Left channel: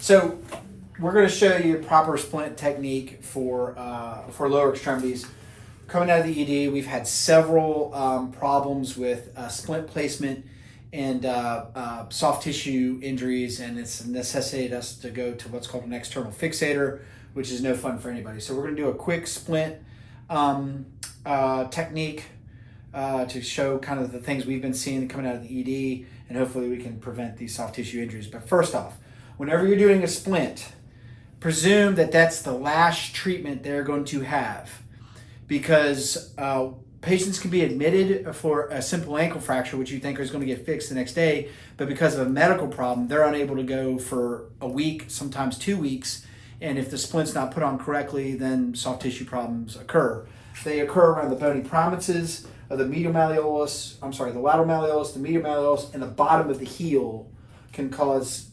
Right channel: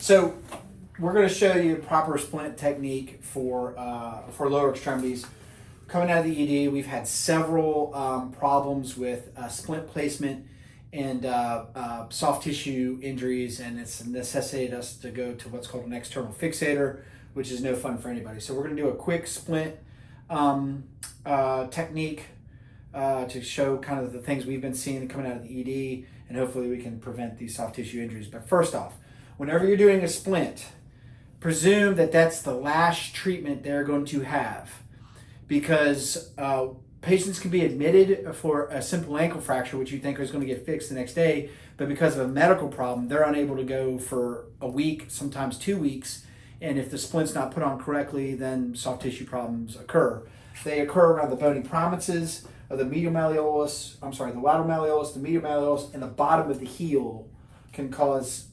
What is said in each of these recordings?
So we're going to show you proper splint technique for lower extremities. Coming out of the ED, we've had several problems with splint placement and soft tissue injuries, and it's necessitated us to go to what's called an external fixator, which is no fun for anybody. So we're going to do a quick splint technique to show kind of the things we've been seeing coming out of the ED, and hopefully we can prevent these soft tissue injuries. But first off, whenever you're doing a splint, presume that that's the last treatment they're going to have, because patients can be admitted for a simple ankle fracture, which you think is going to get fixed the next day, but because of a medical problem, they're unable to go for a week, sometimes 2 weeks, and if the splint's not put on correctly, then soft tissue problems occur. They occur around the bony prominences of the medial malleolus, the lateral malleolus, the medial malleolus, and the bottom of the heel can cause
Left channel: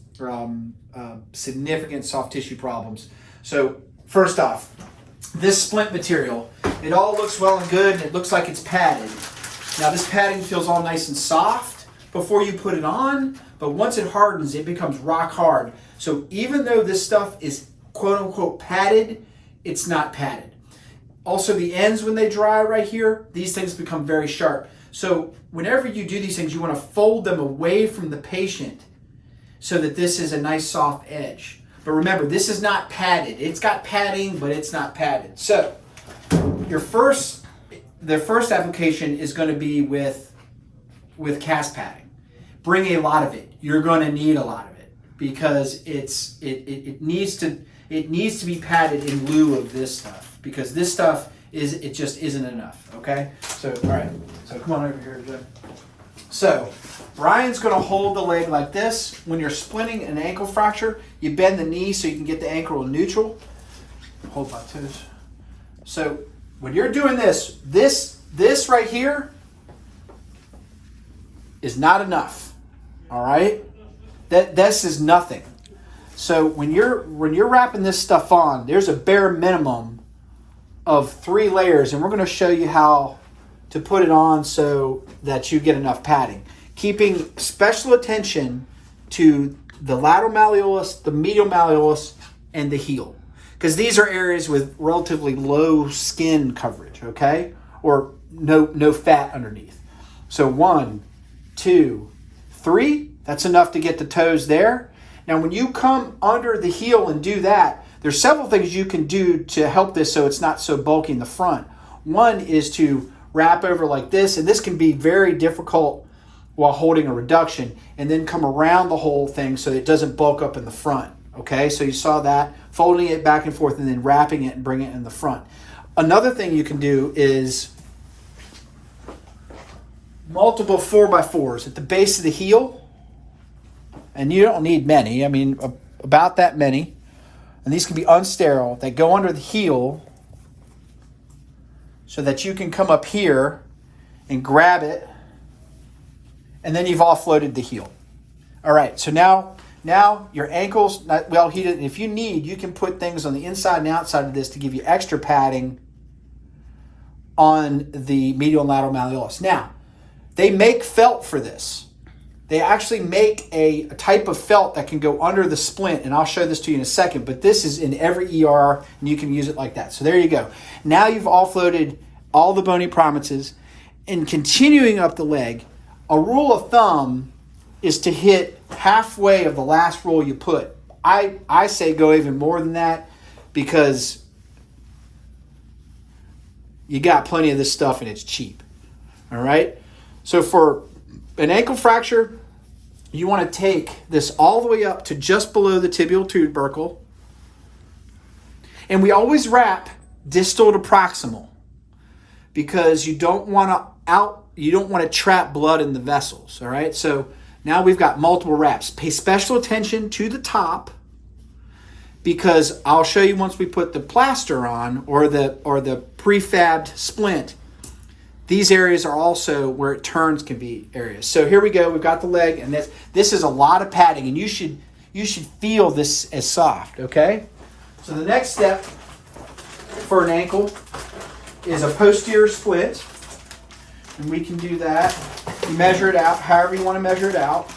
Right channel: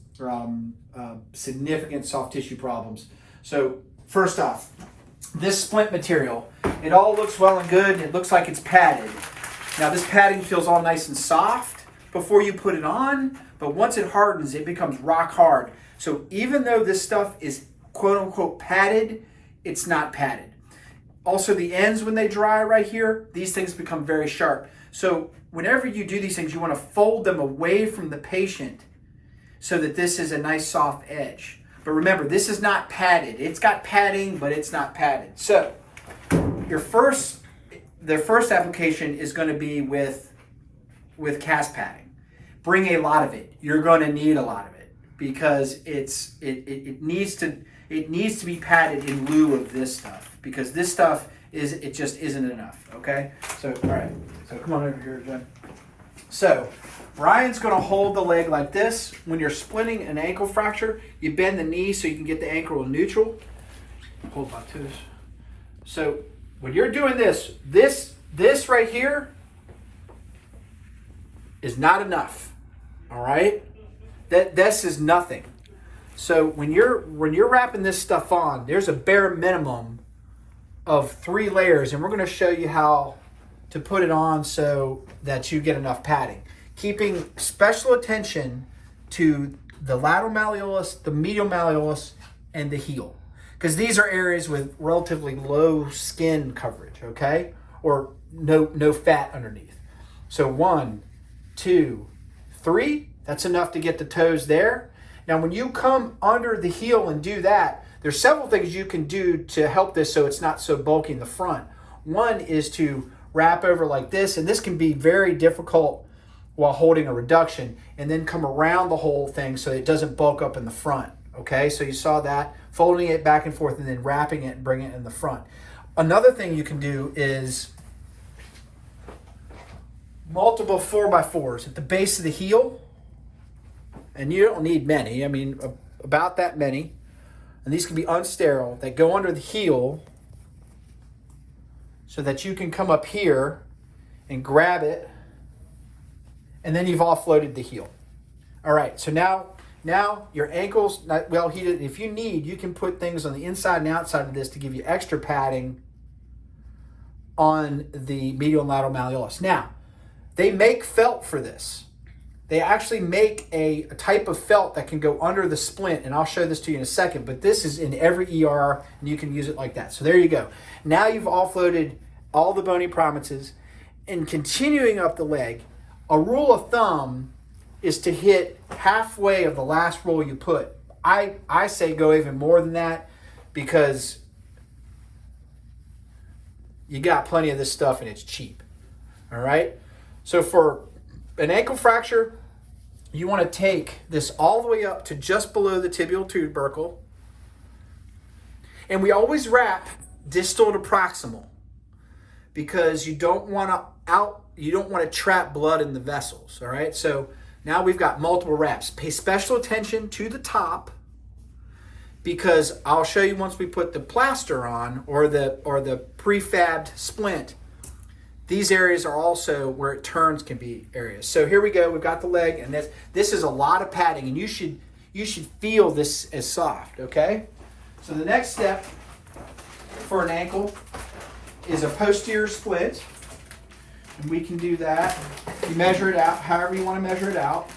significant soft tissue problems. So first off, this splint material, it all looks well and good, and it looks like it's padded. Now this padding feels all nice and soft before you put it on, but once it hardens, it becomes rock hard. So even though this stuff is quote unquote padded, it's not padded. Also, the ends, when they dry right here, these things become very sharp. So whenever you do these things, you want to fold them away from the patient so that this is a nice soft edge. But remember, this is not padded. It's got padding, but it's not padded. So the first application is going to be with cast padding. Bring a lot of it. You're going to need a lot of it because it needs to be padded in lieu of this stuff, because this stuff just isn't enough. Okay. So all right. So come on over here, Joe. So Brian's going to hold the leg like this. When you're splinting an ankle fracture, you bend the knee so you can get the ankle in neutral. Hold my toes. So when you're doing this right here is not enough. All right? This is nothing. So when you're wrapping this stuff on, there's a bare minimum of 3 layers, and we're going to show you how to put it on so that you get enough padding. Keeping special attention to the lateral malleolus, the medial malleolus, and the heel, because these are areas with relatively low skin coverage, okay? Or no fat underneath. So 1, 2, 3, that's enough to get the toes there. Now when you come under the heel and do that, there's several things you can do to help this so it's not so bulky in the front. One is to wrap over like this, and this can be very difficult while holding a reduction, and then come around the whole thing so it doesn't bulk up in the front. Okay, so you saw that, folding it back and forth and then wrapping it and bringing it in the front. Another thing you can do is multiple 4x4s at the base of the heel, and you don't need many, I mean about that many, and these can be unsterile, that go under the heel so that you can come up here and grab it, and then you've offloaded the heel. All right, so now your ankle's not well heated. If you need, you can put things on the inside and outside of this to give you extra padding on the medial and lateral malleolus. Now, they make felt for this. They actually make a type of felt that can go under the splint, and I'll show this to you in a second, but this is in every ER, and you can use it like that. So there you go. Now you've offloaded all the bony prominences, and continuing up the leg, a rule of thumb is to hit halfway of the last roll you put. I say go even more than that, because you got plenty of this stuff and it's cheap. All right? So for an ankle fracture, you want to take this all the way up to just below the tibial tubercle. And we always wrap distal to proximal, because you don't want to trap blood in the vessels, all right? So now we've got multiple wraps. Pay special attention to the top, because I'll show you once we put the plaster on or the prefabbed splint, these areas are also where it turns can be areas. So here we go. We've got the leg, and this is a lot of padding, and you should feel this as soft, okay? So the next step for an ankle is a posterior splint, and we can do that. You measure it out however you want to measure it out.